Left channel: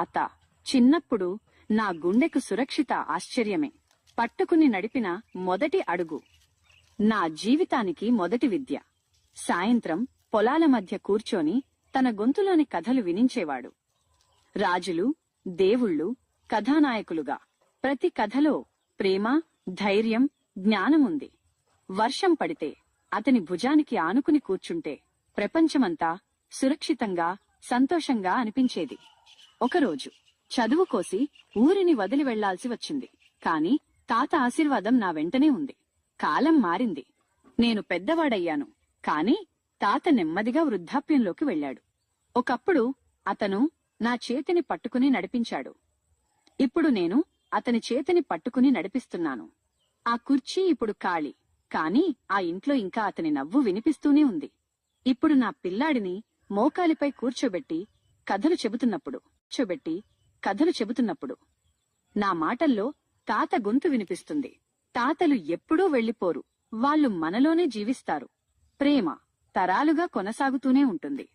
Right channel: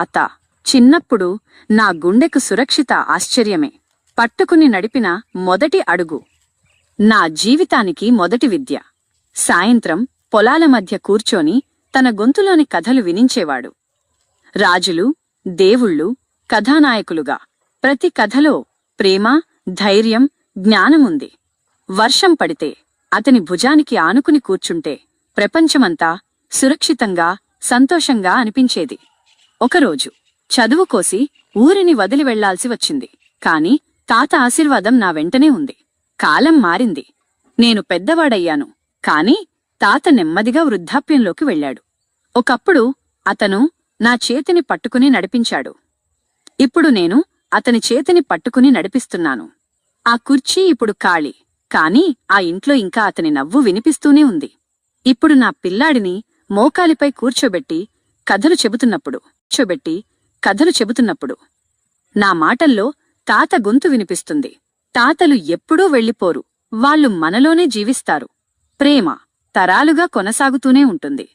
అత చిన్నప్పుడు నా గుండెకు సురక్షిత ఆశ్చర్యమే. పట్టుకుని నడిపిన మొదటి అడుగు. నా జీవితానికి మొదటి విద్య. సాయంత్రం పొలాల మధ్య కూర్చొని తన గొంతులోని కథలు వినించేవాడు. రాజులు, దేవుళ్ళు, కథానాయకులుగా ప్రతి కథలో ప్రేమ, ధైర్యం, జ్ఞానముంది. వర్షం పడితే అతని భుజానికి ఆనుకుని కూర్చుంటే ప్రపంచమంతా సురక్షితంగా, సంతోషంగా అనిపించేది. ఒకరోజు చదువు కోసి ఊరిని వదిలి వెళ్లాల్సి వచ్చింది. కాని తాత ఆశీర్వాదం నా వెంటనే ఉంది. కాలం మారింది. నేను పెద్దవాడయ్యాను. కాని తాత నెమ్మదిగా వృద్ధాప్యంలోకి వెళ్లాడు. ఒకప్పుడు అతను నా చేతిని పట్టుకుని నడిపించాడు. ఇప్పుడు నేను అతని చేతిని పట్టుకుని నడిపిస్తున్నాను. ఆ కుర్చీ ఇప్పుడు ఖాళీ. కాని ఆ ఇంట్లో ఇంకా అతని నవ్వు వినిపిస్తూనే ఉంది. ఇప్పుడు నా పిల్లాడిని మోకాలిపై కూర్చోబెట్టి కథలు చెబుతున్నప్పుడు నా మాటల్లో తాత గొంతు వినిపిస్తుంది. తాతలు ఎప్పుడూ వెళ్ళిపోరు. వాళ్ళు మనలోనే జీవిస్తారు. ప్రేమ తరాలుగా కొనసాగుతూనే ఉంటుంది.